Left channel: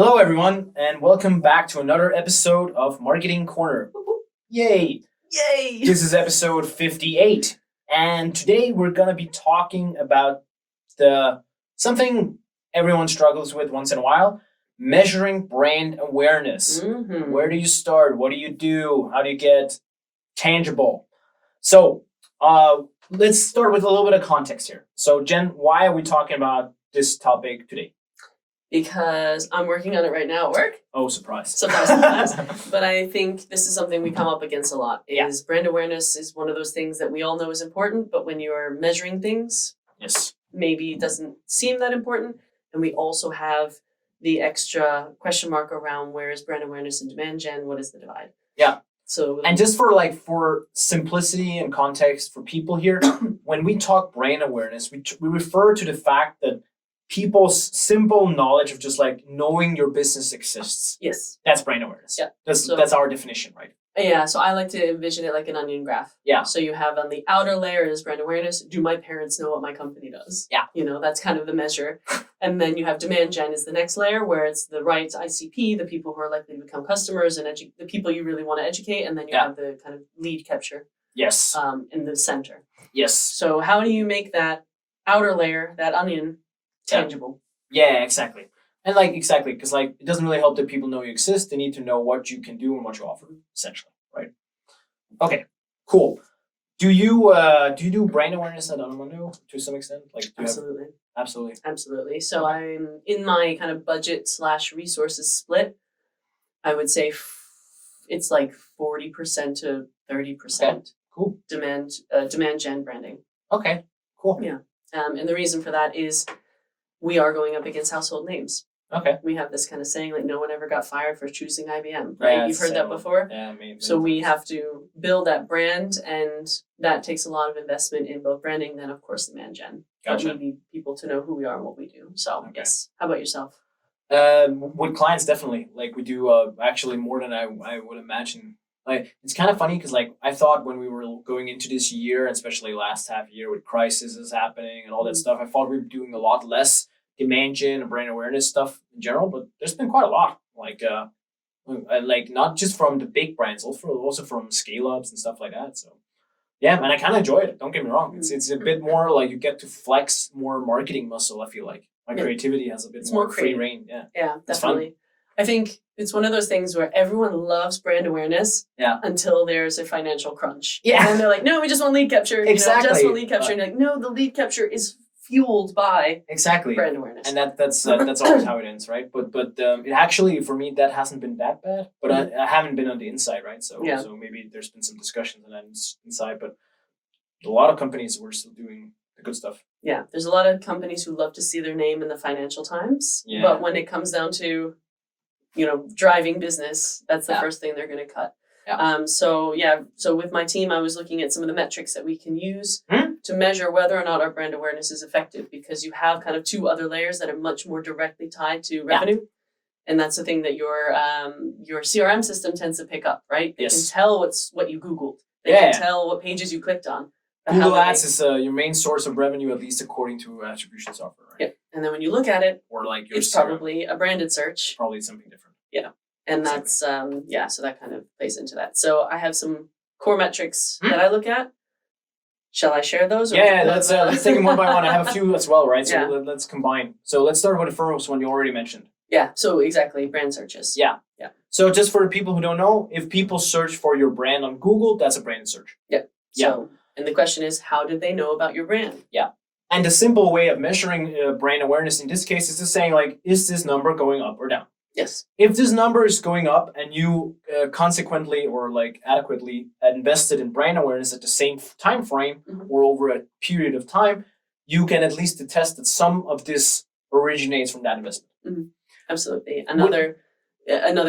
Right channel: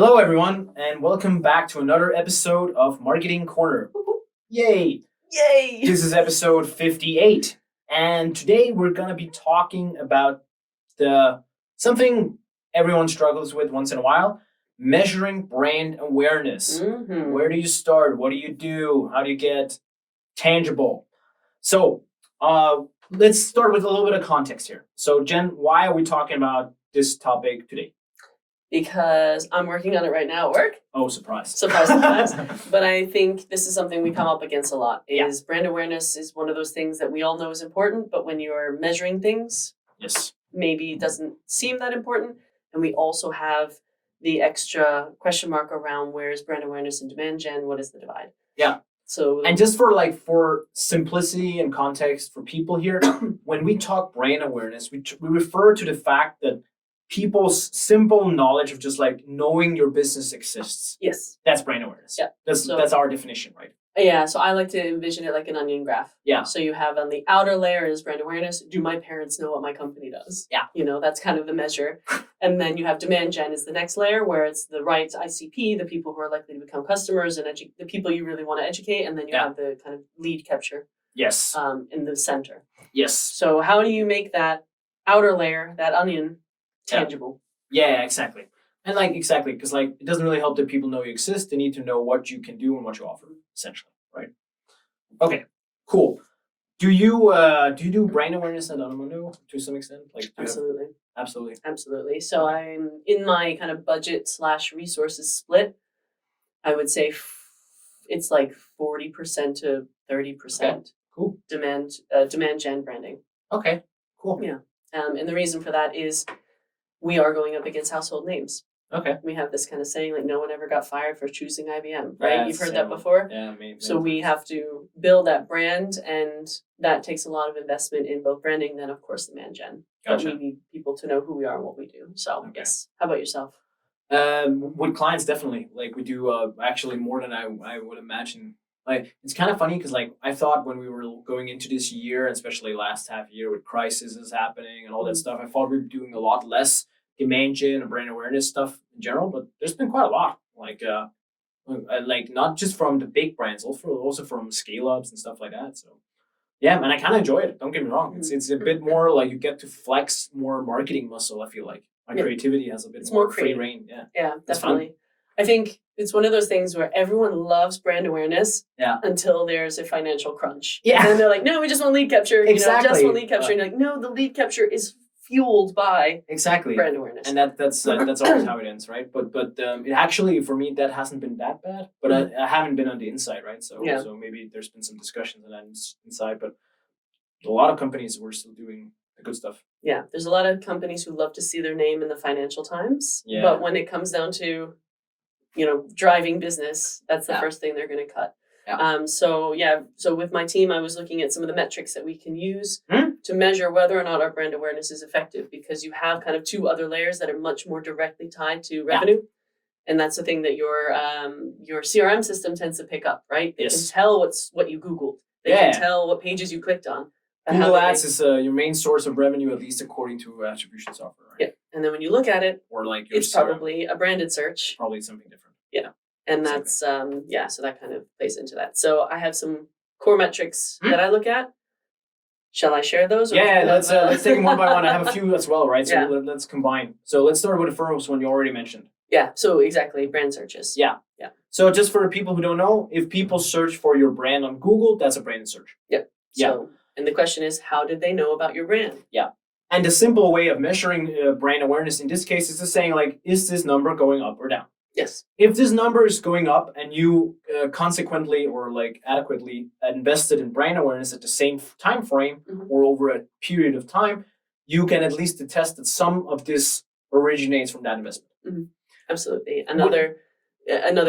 Hello, everyone, and welcome back to another episode of Marketing Corner. Yay! Yay! This is episode 58, and today we're going to be talking about something everyone struggles with once in a while, measuring brand awareness. Mm-hmm. Where do you start? What do you do? How do you get tangible? So, let's start with a little bit of context here. So, Jen, why are we talking about this topic today? Because I'm working on it right now at work. Oh, surprise. Surprise. But I think this is something we come up against a lot. Brand awareness is one of those things that we all know is important, but when you are measuring things, Yes. maybe it doesn't seem that important. And we also have the extra question mark around where is brand awareness and demand gen? What is the divide? Yeah. So, and just for simplicity and context for people here, when we talk brand awareness, we refer to the fact that people's simple knowledge of just like knowing your business exists. Yes. That's brand awareness. Yeah. That's our definition, right? Yeah. So I like to envision it like an onion graph. Yeah. So you have on the outer layer is brand awareness. Do my parents know what my company does? Yeah. That's kind of the measure. And then you have demand gen is the next layer where it's the right ICP, the people who are likely to become customers and the people you really want to educate. And then you have the kind of lead capture. Yes. In the center. Yes. So how do you make that outer layer, that onion, tangible? Yeah, exactly. And exactly, because it doesn't really help that people know you exist. They need to know what you can do and what you offer, essentially, right? Okay, cool. Do you do brand awareness at Onomondo to some extent? Absolutely. Absolutely. So I'm in my kind of budget / resources split. I would say it's like 40% to 30%. Okay. Cool. Demand gen branding. Okay. Cool. Yeah. And the reason for that is we are going up against household names. Okay. We have this kind of saying like no one ever got fired for choosing IBM, right? Yeah, You've heard that before? Yeah, maybe. So we have to build that brand, and that takes a lot of investment in both branding, then of course demand gen. Gotcha. But we need people to know who we are and what we do. So yes. How about yourself? With clients, definitely. We do actually more than I would imagine. It's kind of funny because I thought when we were going into this year, especially last half year with crisis is happening and all that stuff, I thought we were doing a lot less demand gen and brand awareness stuff in general, but there's been quite a lot. Not just from the big brands, also from scale ups and stuff like that. So yeah, and I kind of enjoy it. Don't get me wrong. It's a bit more you get to flex more marketing muscle. I feel like my creativity has a bit more free reign. Yeah. Yeah, definitely. I think it's one of those things where everyone loves brand awareness until there's a financial crunch. Yeah. And then they're like, no, we just want lead capture. Exactly. Just want lead capture. And you're like, no, the lead capture is fueled by brand awareness. And that's always how it ends, right? But it actually, for me, that hasn't been that bad. But I haven't been on the inside, right? So maybe there's been some discussions on that inside. But a lot of companies were still doing the good stuff. Yeah, there's a lot of companies who love to see their name in the Financial Times. Yeah. But when it comes down to driving business, that's the first thing they're going to cut. Yeah. So with my team, I was looking at some of the metrics that we can use to measure whether or not our brand awareness is effective, because you have kind of two other layers that are much more directly tied to revenue. And that's the thing that your CRM system tends to pick up, right? They can tell what you Googled. They can tell what pages you clicked on. Google Ads is your main source of revenue, at least according to attribution software, right? Yeah. And then when you look at it, or it's probably a branded search. Probably something different. Yeah. And that's, so that kind of plays into that. So I have some core metrics that I look at. Shall I share those? Let's take them one by one. I have a few as well, right? So let's combine. So let's start with the first one you already mentioned. Yeah, so exactly, brand searches. Yeah. So just for the people who don't know, if people search for your brand on Google, that's a branded search. Yeah. And the question is, how did they know about your brand? Yeah. And the simple way of measuring brand awareness in this case is just saying, is this number going up or down? Yes. If this number is going up and you consequently or adequately invested in brand awareness at the same time frame or over a period of time, you can at least attest that some of this originates from that investment. Mm-hmm. Absolutely. Another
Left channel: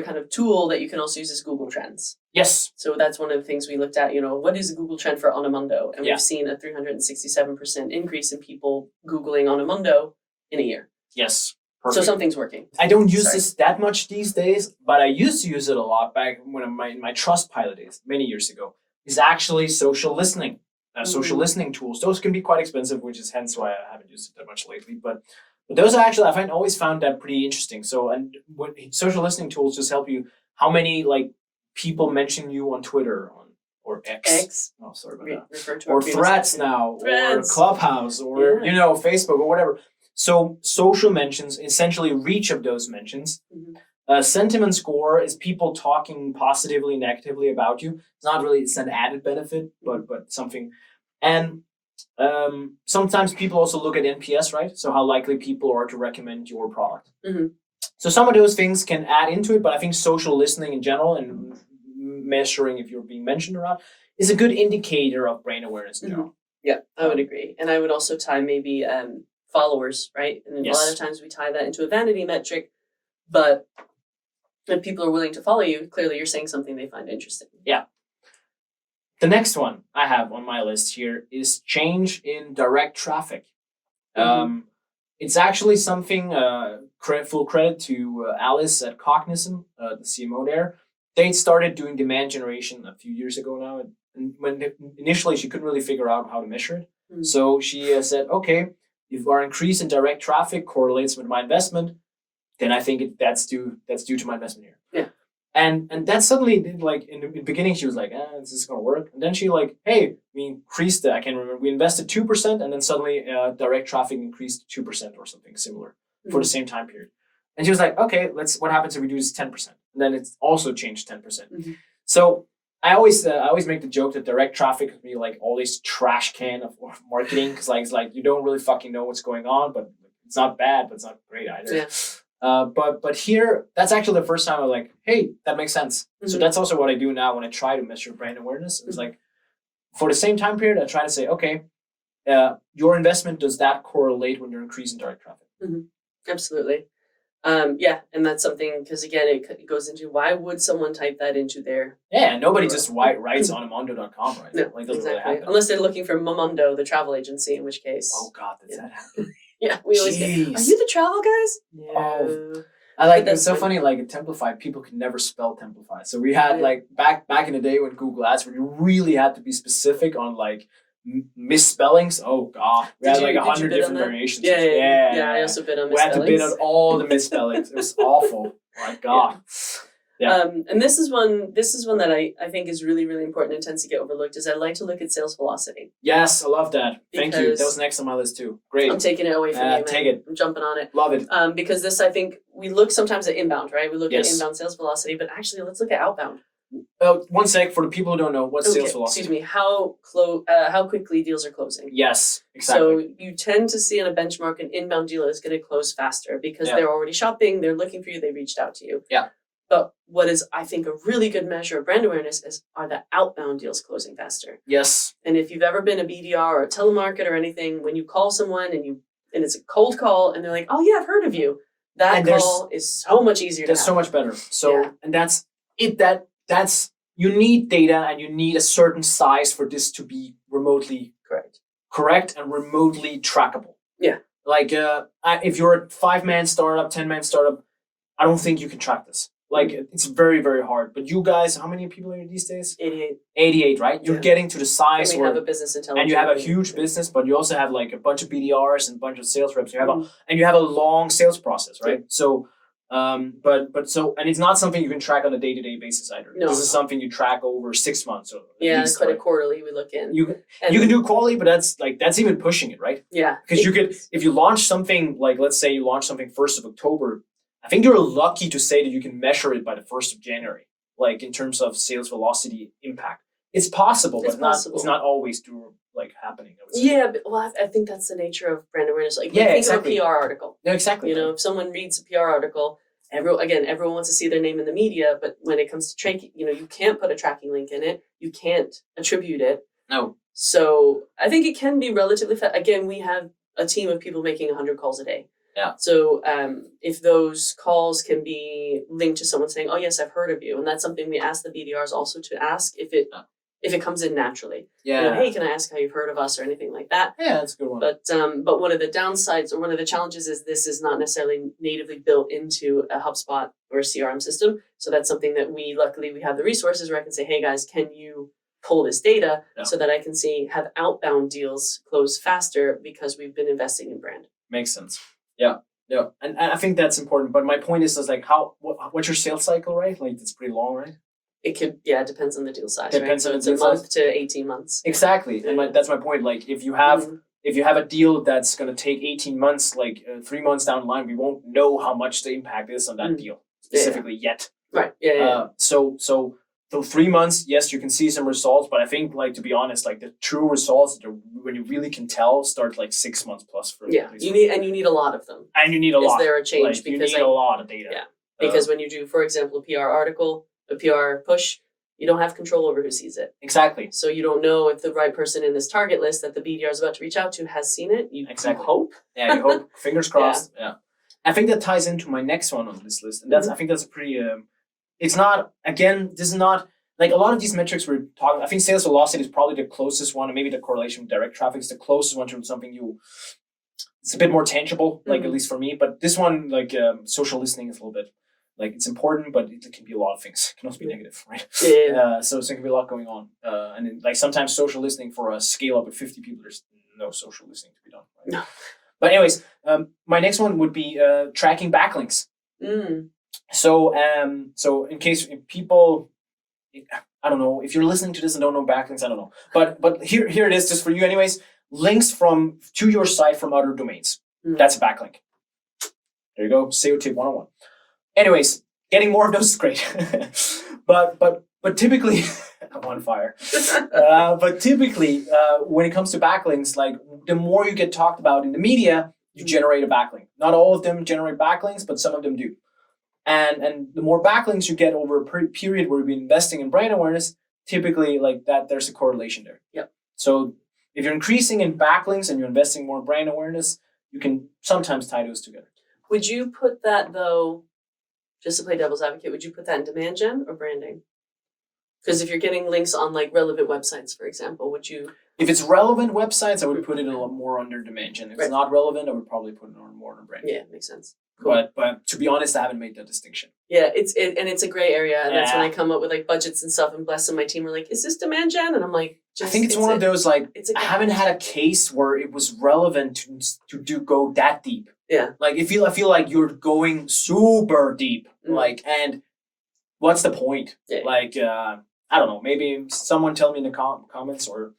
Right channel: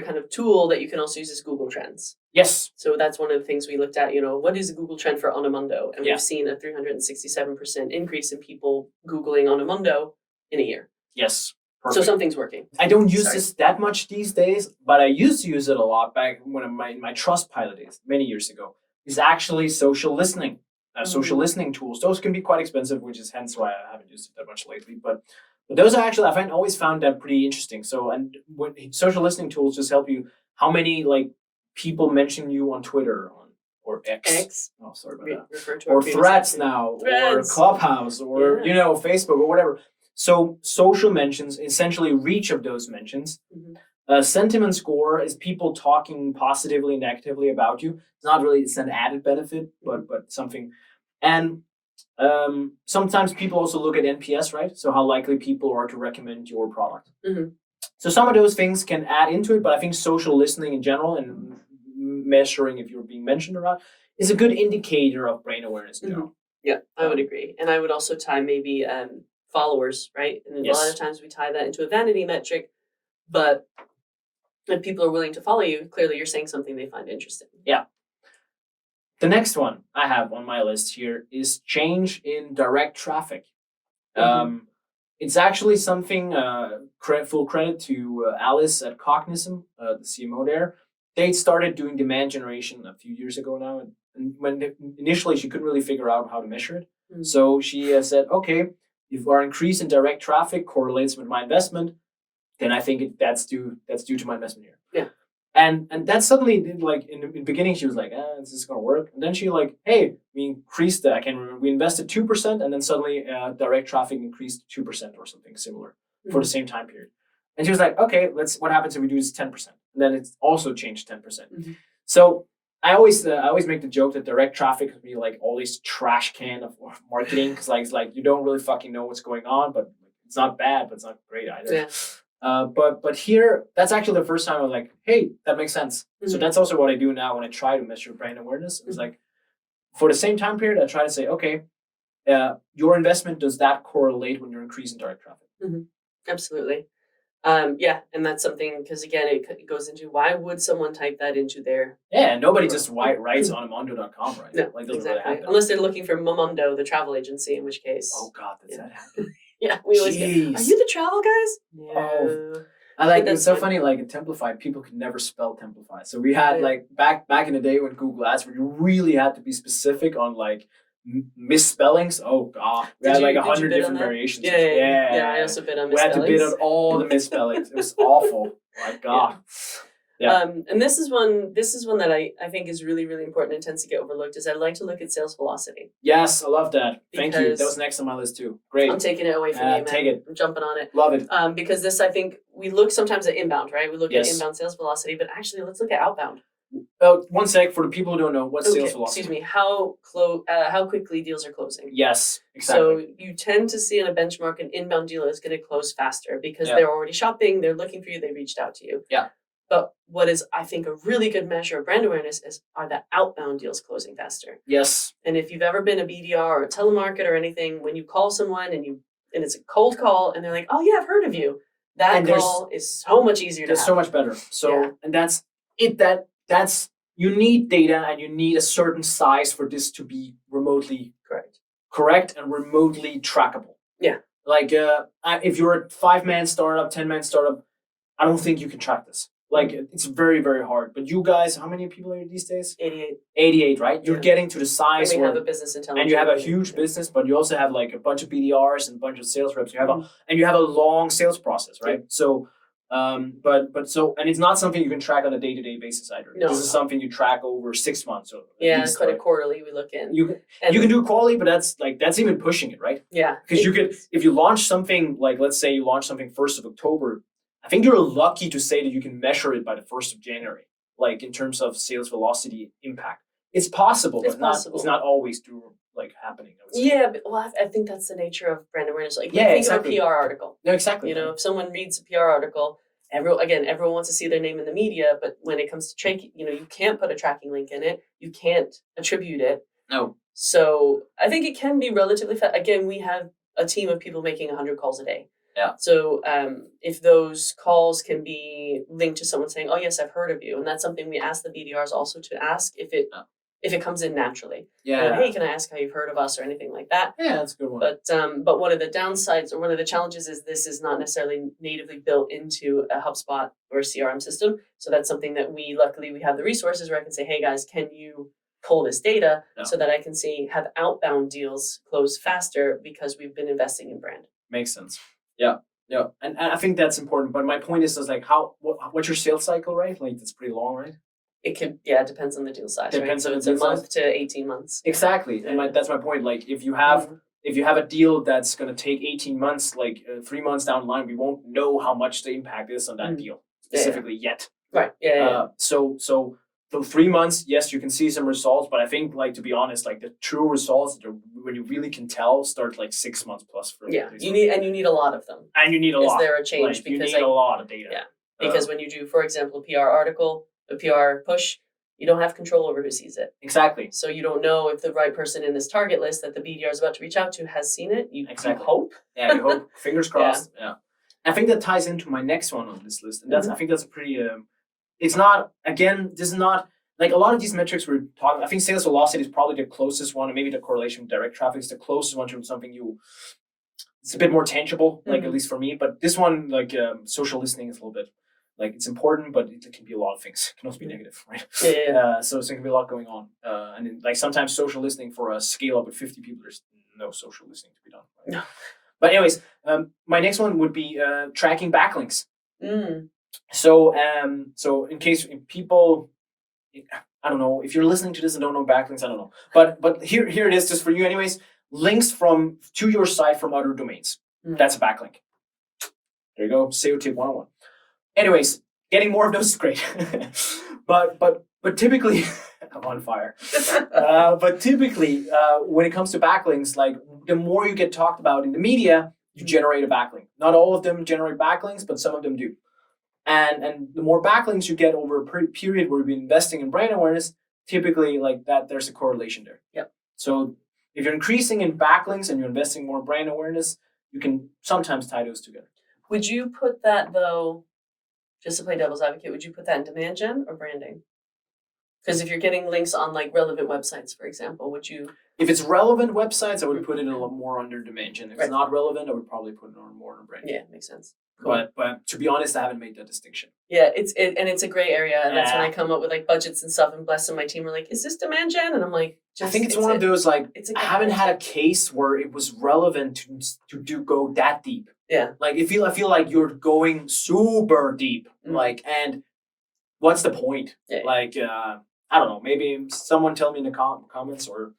kind of tool that you can also use is Google Trends. Yes. So that's one of the things we looked at, what is a Google trend for Onomondo? And we've seen a 367% increase in people Googling Onomondo in a year. Yes. Perfect. So something's working. I don't use this that much these days, but I used to use it a lot back when my Trustpilot days, many years ago, is actually social listening. Social listening tools. Those can be quite expensive, which is hence why I haven't used it that much lately. But But those are actually, I always found that pretty interesting. So, and when social listening tools just help you, how many like people mention you on Twitter or X? Oh, sorry about that. Refer to Or our previous Threads episode. now, Threads. or Clubhouse, or Facebook or whatever. So social mentions essentially reach of those mentions. Sentiment score is people talking positively, negatively about you. It's an added benefit, but something. And sometimes people also look at NPS, right? So how likely people are to recommend your product. So some of those things can add into it, but I think social listening in general and measuring if you're being mentioned or not is a good indicator of brand awareness in general. Yeah, I would agree. And I would also tie maybe followers, right? And a lot of times we tie that into a vanity metric, but if people are willing to follow you, clearly you're saying something they find interesting. Yeah. The next one I have on my list here is change in direct traffic. It's actually something, full credit to Alice at Cognizant, the CMO there. They started doing demand generation a few years ago now. And initially she couldn't really figure out how to measure it. So she said, okay, if our increase in direct traffic correlates with my investment, then I think that's due to my investment here. Yeah. And that suddenly did, like, in the beginning she was like, is this gonna work? And then she like, hey, we increased I can't remember, we invested 2%, and then suddenly direct traffic increased 2% or something similar for the same time period. And she was like, okay, what happens if we do this 10%? And then it's also changed 10%. So I always make the joke that direct traffic could be like all this trash can of marketing, because it's like you don't really fucking know what's going on, but it's not bad, but it's not great either. Yeah. But here, that's actually the first time I was like, hey, that makes sense. So that's also what I do now when I try to measure brand awareness. It's like, for the same time period, I try to say, okay, your investment, does that correlate when you're increasing direct traffic? Absolutely. Yeah, and that's something, because again, it goes into, why would someone type that into their... Yeah, nobody just writes on amondo.com, right? No, like, doesn't exactly. really happen. Unless they're looking for Momondo, the travel agency, in which case... Oh, God, does that happen? Yeah, we always get, are you the travel guys? No. I like, it's so funny, like, in Templify, people could never spell Templify. So we had, like, back in the day when Google Ads, where you really had to be specific on, like, misspellings. Oh, God. We had, like, 100 different variations. Yeah, I also bid on misspellings. We had to bid on all the misspellings. It was awful. Oh, my God. Yeah. And this is one that I think is really, really important and tends to get overlooked, is I like to look at sales velocity. Yes, I love that. Thank you. That was next on my list too. Great. I'm taking it away from you, man. Take it. I'm jumping on it. Love it. Because this, I think, we look sometimes at inbound, right? We look at inbound sales velocity, but actually let's look at outbound. Oh, one sec, for the people who don't know, what's sales velocity? Excuse me, how quickly deals are closing. Yes, exactly. So you tend to see in a benchmark an inbound deal is going to close faster because they're already shopping, they're looking for you, they reached out to you. Yeah. But what is, I think, a really good measure of brand awareness are the outbound deals closing faster. Yes. And if you've ever been a BDR or a telemarketer or anything, when you call someone and it's a cold call and they're like, oh yeah, I've heard of you, that call is so much easier to have. So much better. So, and that's it, that's, you need data and you need a certain size for this to be remotely correct and remotely trackable. Yeah. Like, if you're a 5-man startup, 10-man startup, I don't think you can track this. Like, it's very, very hard. But you guys, how many people are you these days? 88. 88, right? You're getting to the size and we have a business intelligence. And you have a huge business, but you also have like a bunch of BDRs and a bunch of sales reps. You have you have a long sales process, right? Yeah. So, and it's not something you can track on a day-to-day basis either. No. This is something you track over 6 months. Or it's quite a quarterly we look in. You can do quarterly, but that's even pushing it, right? Yeah. Because you could, if you launch something, like let's say you launch something 1st of October, I think you're lucky to say that you can measure it by the 1st of January, like in terms of sales velocity impact. It's possible, but it's not always happening. Yeah, but I think that's the nature of brand awareness. Like, think of a PR article. Yeah, exactly. You know, if someone reads a PR article, everyone wants to see their name in the media, but when it comes to tracking, you can't put a tracking link in it. You can't attribute it. No. So I think it can be relatively fast. Again, we have a team of people making 100 calls a day. Yeah. So if those calls can be linked to someone saying, "Oh yes, I've heard of you," and that's something we ask the BDRs also to ask if it comes in naturally. Yeah. Hey, can I ask how you've heard of us or anything like that? Yeah, that's a good one. But one of the downsides or one of the challenges is this is not necessarily natively built into a HubSpot or a CRM system. So that's something that luckily we have the resources where I can say, "Hey guys, can you pull this data so that I can see have outbound deals close faster because we've been investing in brand?" Makes sense. Yeah, and I think that's important. But my point is like what's your sales cycle, right? Like it's pretty long, right? It could, yeah, it depends on the deal size, right? Depends So on the it's a deal size. month to 18 months. Exactly, and Yeah. that's my point. Like if you have Mhm. if you have a deal that's going to take 18 months, like 3 months down the line, we won't know how much the impact is on that Mm. deal Yeah. specifically yet. Right. Yeah. So 3 months, yes, you can see some results, but I think like to be honest, like the true results when you really can tell start like 6 months plus for Yeah. at You least. need a lot of them. And you need a Is lot. there a change? Like, you Because need a lot of data. yeah. Because when you do, for example, a PR article, a PR push, you don't have control over who sees it. Exactly. So you don't know if the right person in this target list that the BDR is about to reach out to has seen it. You hope. Yeah, you hope. Fingers crossed. Yeah. I think that ties into my next one on this list, and that's I think that's a pretty. It's not again. This is not like a lot of these metrics we're talking. I think sales velocity is probably the closest one, and maybe the correlation with direct traffic is the closest one to something you. It's a bit more tangible, like at least for me. But this one, like social listening, is a little bit like it's important, but it can be a lot of things. It can also be negative, right? Yeah. So there can be a lot going on, and then, like sometimes social listening for a scale up at 50 people, there's no social listening to be done. Right? No. But anyways, my next one would be tracking backlinks. Mm. So in case people, I don't know if you're listening to this and don't know backlinks, I don't know, but here it is just for you anyways. Links to your site from other domains. Mm. That's a backlink. There you go. SEO tip 101. Anyways, getting more of those is great. but typically, I'm on fire. But typically, when it comes to backlinks, like the more you get talked about in the media, you generate a backlink. Not all of them generate backlinks, but some of them do. And the more backlinks you get over a period where you've been investing in brand awareness, typically like that, there's a correlation there. Yep. So if you're increasing in backlinks and you're investing more brand awareness, you can sometimes tie those together. Would you put that though, just to play devil's advocate, would you put that in demand gen or branding? Because if you're getting links on like relevant websites, for example, would you? If it's relevant websites, I would put it a lot more under demand gen. If it's not relevant, I would probably put it on more on branding. Yeah, makes sense. Cool. But to be honest, I haven't made that distinction. Yeah, it's a gray area, and that's when I come up with like budgets and stuff. And Bless and my team are like, "Is this demand gen?" And I'm like, I think it's one of those like I haven't had a case where it was relevant to go that deep. Yeah, like I feel like you're going super deep. Like, and what's the point? Yeah. Like I don't know. Maybe someone tell me in the comments or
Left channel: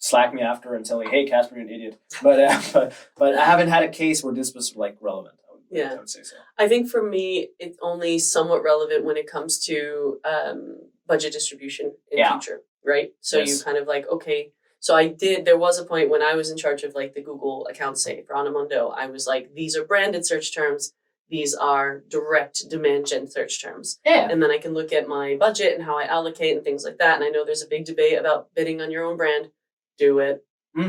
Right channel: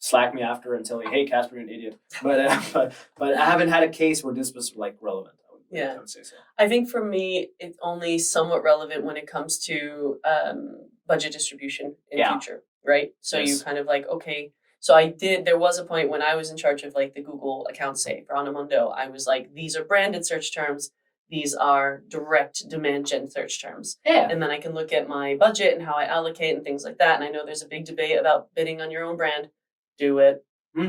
Slack me after and tell me, "Hey, Casper, you're an idiot." But I haven't had a case where this was like relevant. I would say so. I think for me, it's only somewhat relevant when it comes to budget distribution in future, right? So you kind of like, okay, so there was a point when I was in charge of like the Google account, say, for Anamondo, I was like, these are branded search terms, these are direct demand gen search terms. Yeah. And then I can look at my budget and how I allocate and things like that. And I know there's a big debate about bidding on your own brand. Do it.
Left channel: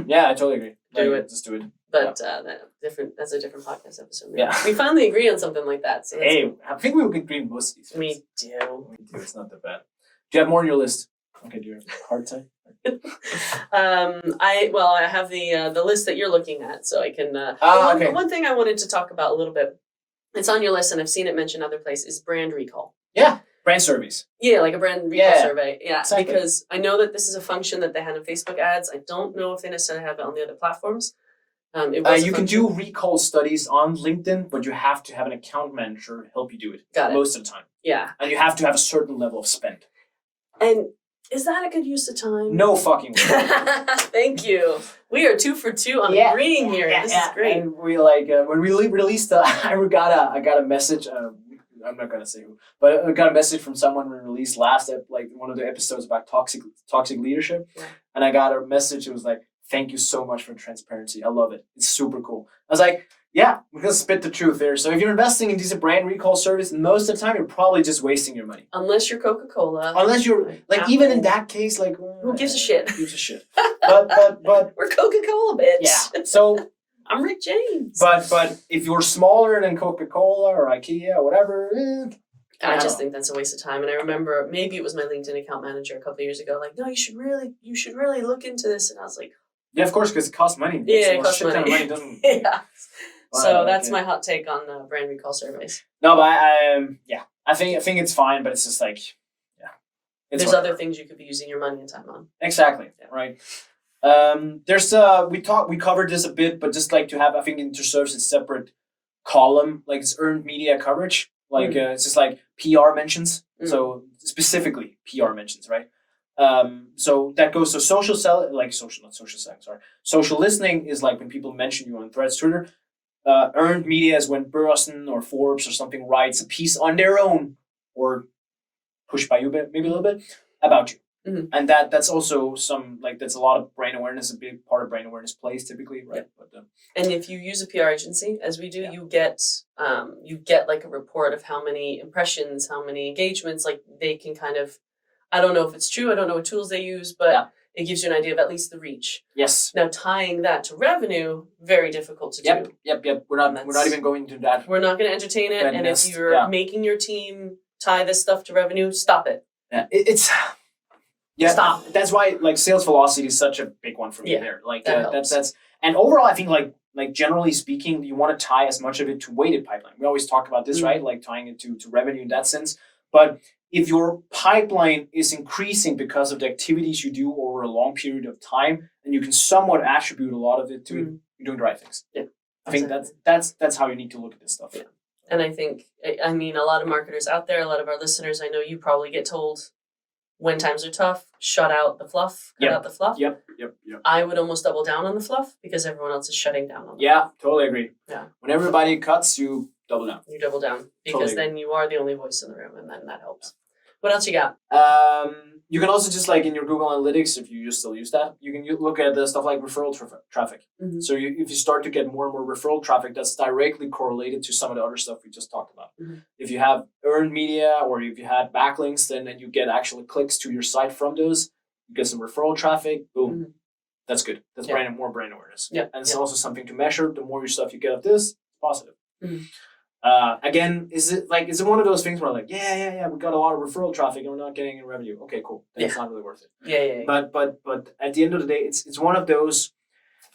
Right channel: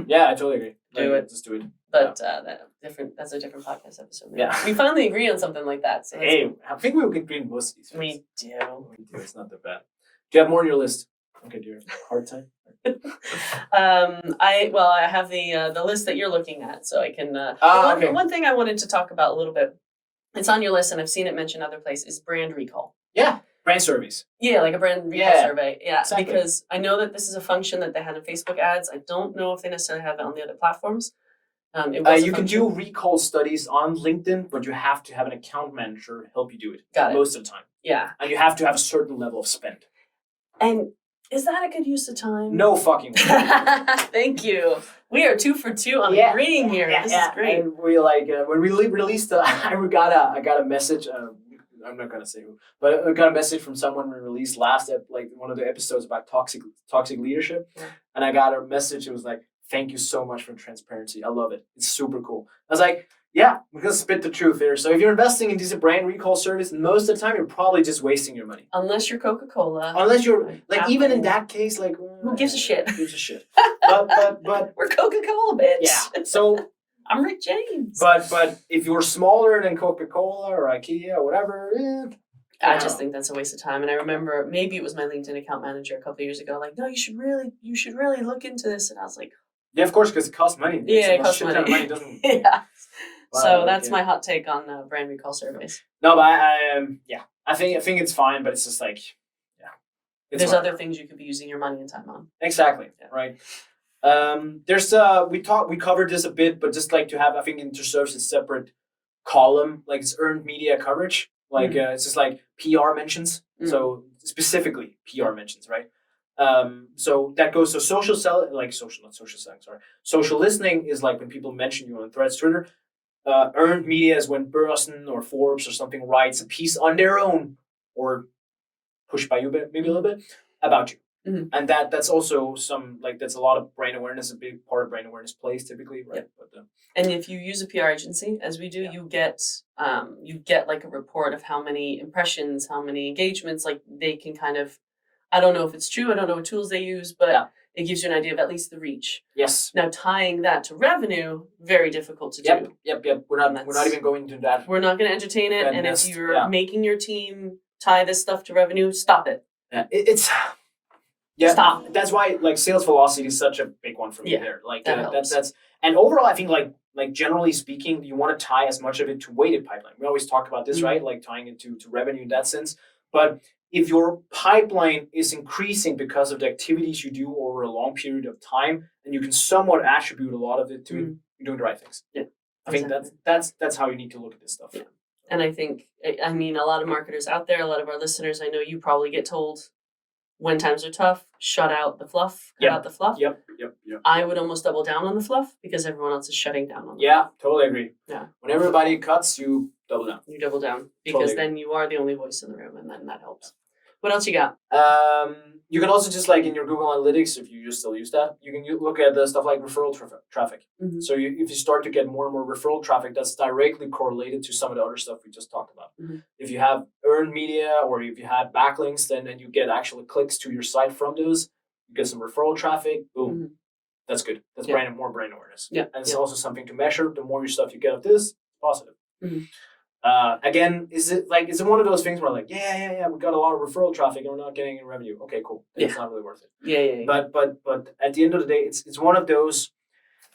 Yeah, I totally agree. Do it. Just do it. But that's a different podcast episode. Yeah. We finally agree on something like that. So hey, I think we will agree on most of these. We do. It's not that bad. Do you have more on your list? Okay, do you have a hard time? I have the list that you're looking at, so I can. One thing I wanted to talk about a little bit. It's on your list, and I've seen it mentioned other places. Is brand recall. Yeah. Brand surveys. Yeah, like a brand recall survey. Yeah, exactly. Because I know that this is a function that they had in Facebook ads. I don't know if they necessarily have it on the other platforms. You can do recall studies on LinkedIn, but you have to have an account manager help you do it. Got it. Most of the time. Yeah. And you have to have a certain level of spend. And is that a good use of time? No fucking way. Thank you. We are 2 for 2 on agreeing here. This is great. And we when we released I got a message. I'm not gonna say who, but I got a message from someone we released last one of the episodes about toxic leadership, and I got a message. It was like, "Thank you so much for transparency. I love it. It's super cool." I was like, "Yeah, we're gonna spit the truth here." So if you're investing in these brand recall service, most of the time you're probably just wasting your money. Unless you're Coca-Cola. Unless you're like even in that case, like who gives a shit? Who gives a shit? But we're Coca-Cola, bitch. Yeah. So. I'm Rick James. But if you're smaller than Coca-Cola or IKEA or whatever, I just think that's a waste of time. And I remember maybe it was my LinkedIn account manager a couple of years ago, like, no, you should really look into this. And I was like, yeah, of course, because it costs money. Yeah, it costs money. Doesn't. Yeah. So that's my hot take on brand recall surveys. No, but I think it's fine, but it's just like, there's other things you could be using your money and time on. Exactly. Yeah. Right. There's we covered this a bit, but just like to have, I think InterService is separate column, like it's earned media coverage. Like it's just like PR mentions. So specifically PR mentions, right? So that goes to social selling, sorry. Social listening is like when people mention you on Threads, Twitter. Earned media is when Burson or Forbes or something writes a piece on their own or pushed by you maybe a little bit about you. And that's also that's a lot of brand awareness, a big part of brand awareness plays typically, right? Yep. But and if you use a PR agency, as we do, you get like a report of how many impressions, how many engagements, like they can kind of, I don't know if it's true, I don't know what tools they use, but it gives you an idea of at least the reach. Yes. Now tying that to revenue, very difficult to do. Yep. We're not even going to that. We're not going to entertain it. And if you're making your team tie this stuff to revenue, stop it. Yeah, it's stop. That's why like sales velocity is such a big one for me there. Like that's and overall I think like generally speaking, you want to tie as much of it to weighted pipeline. We always talk about this, right? Like tying it to revenue in that sense. But if your pipeline is increasing because of the activities you do over a long period of time, and you can somewhat attribute a lot of it to you're doing the right things. Yeah, I think that's how you need to look at this stuff. Yeah, and I think I mean a lot of marketers out there, a lot of our listeners, I know you probably get told when times are tough, shut out the fluff, cut out the fluff. Yep. I would almost double down on the fluff because everyone else is shutting down on it. Yeah, totally agree. Yeah, when everybody cuts, you double down. You double down because then you are the only voice in the room, and then that helps. What else you got? You can also just like in your Google Analytics, if you just still use that, you can look at the stuff like referral traffic. So if you start to get more and more referral traffic, that's directly correlated to some of the other stuff we just talked about. If you have earned media or if you had backlinks, then you get actual clicks to your site from those. You get some referral traffic. Boom. That's good. That's more brand awareness. Yeah. And it's also something to measure. The more your stuff you get of this, it's positive. Again, is it one of those things where like, we got a lot of referral traffic and we're not getting any revenue? Okay, cool. It's not really worth it. Yeah. But at the end of the day, it's one of those.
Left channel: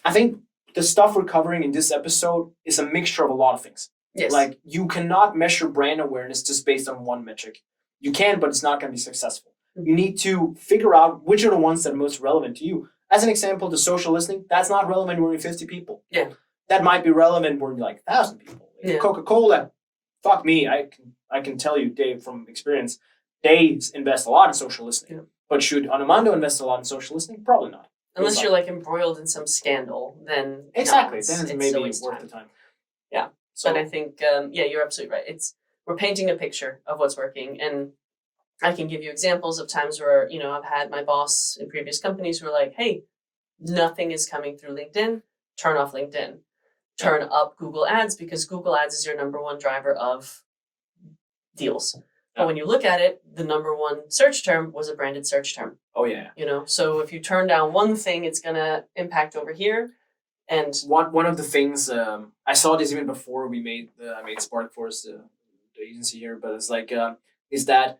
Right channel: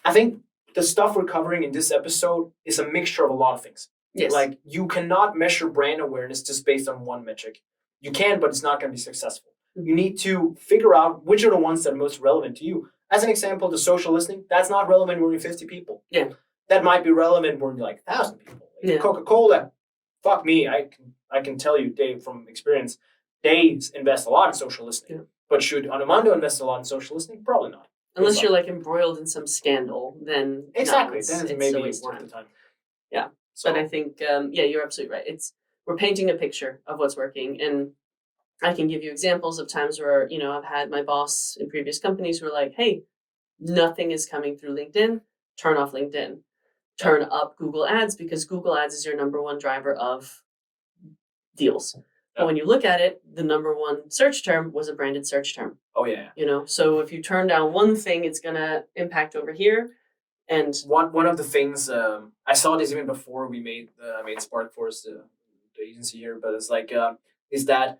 I think the stuff we're covering in this episode is a mixture of a lot of things. Yes. Like you cannot measure brand awareness just based on one metric. You can, but it's not going to be successful. You need to figure out which are the ones that are most relevant to you. As an example, the social listening, that's not relevant when you're 50 people. Yeah. That might be relevant when you're like 1,000 people. Like Coca-Cola, fuck me, I can tell you, Dave, from experience, they invest a lot in social listening. Yeah. But should Anomondo invest a lot in social listening? Probably not. Unless you're like embroiled in some scandal, then exactly. Then it's maybe worth the time. Yeah. So, but I think you're absolutely right. We're painting a picture of what's working, and I can give you examples of times where I've had my boss in previous companies who are like, "Hey, nothing is coming through LinkedIn. Turn off LinkedIn. Turn up Google Ads because Google Ads is your number one driver of deals." But when you look at it, the number one search term was a branded search term. Oh yeah. So if you turn down one thing, it's gonna impact over here. And one of the things I saw this even before I made Sparkforce the agency here, but it's like is that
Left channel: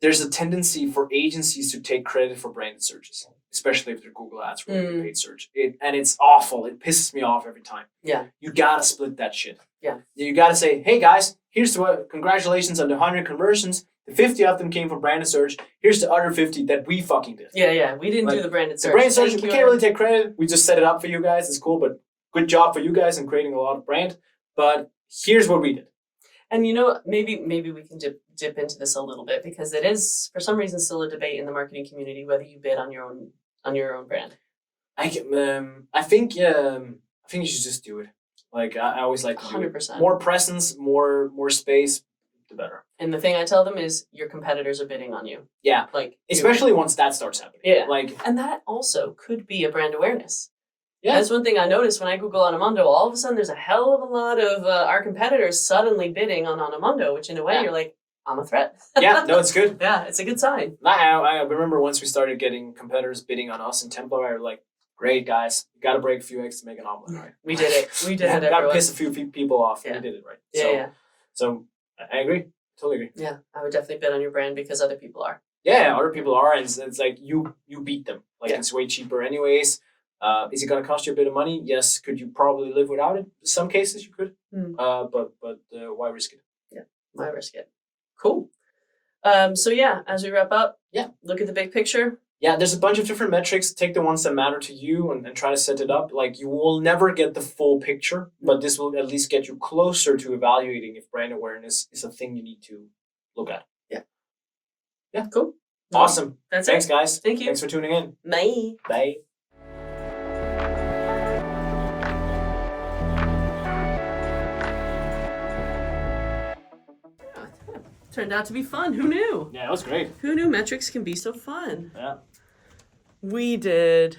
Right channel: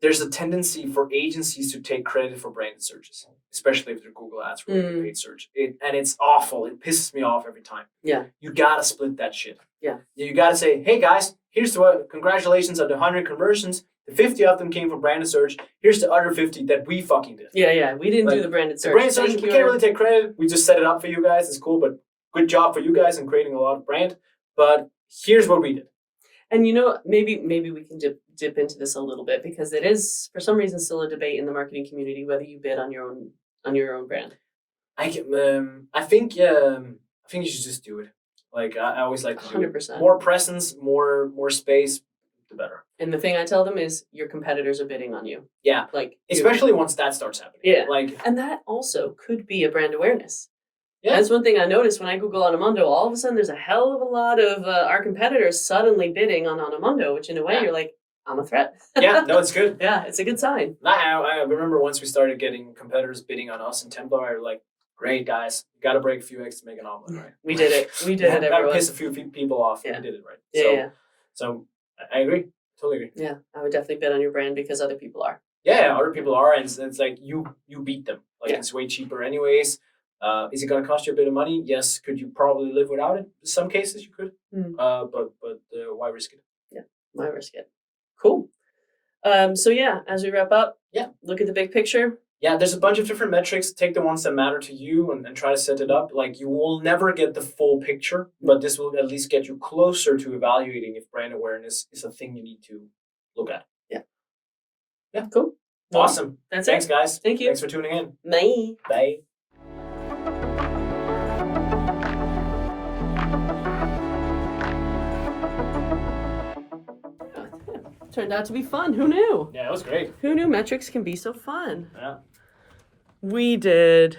there's a tendency for agencies to take credit for branded searches, especially if they're Google Ads related paid search. And it's awful. It pisses me off every time. Yeah. You gotta split that shit. Yeah. You gotta say, hey guys, here's congratulations on the 100 conversions. The 50 of them came from branded search. Here's the other 50 that we fucking did. Yeah. We didn't do the branded search. The branded search, we can't really take credit. We just set it up for you guys. It's cool, but good job for you guys in creating a lot of brand. But here's what we did. And maybe we can dip into this a little bit because it is for some reason still a debate in the marketing community whether you bid on your own brand. I think you should just do it. Like I always like to do 100%. It. More presence, more space, the better. And the thing I tell them is your competitors are bidding on you. Yeah, like especially once that starts happening. Yeah, and that also could be a brand awareness. Yeah, that's one thing I noticed when I Google Anomondo. All of a sudden, there's a hell of a lot of our competitors suddenly bidding on Anomondo, which in a way you're like, I'm a threat. Yeah, no, it's good. Yeah, it's a good sign. I remember once we started getting competitors bidding on us in Templar, I was like, great guys, you got to break a few eggs to make an omelet, right? We did it. We did it. Got to piss a few people off. Yeah. We did it right. So I agree. Totally agree. Yeah, I would definitely bid on your brand because other people are. Yeah, other people are, and it's like you beat them. Like it's way cheaper anyways. Is it going to cost you a bit of money? Yes. Could you probably live without it? In some cases you could. But why risk it? Yeah, why risk it? Cool. So as we wrap up, look at the big picture. yeah, there's a bunch of different metrics. Take the ones that matter to you and try to set it up. Like you will never get the full picture, but this will at least get you closer to evaluating if brand awareness is a thing you need to look at. Yeah. Cool. Awesome. That's Thanks, it. guys. Thank you. Thanks for tuning in. Bye. Bye. Turned out to be fun. Who knew? Yeah, that was great. Who knew metrics can be so fun? Yeah. We did.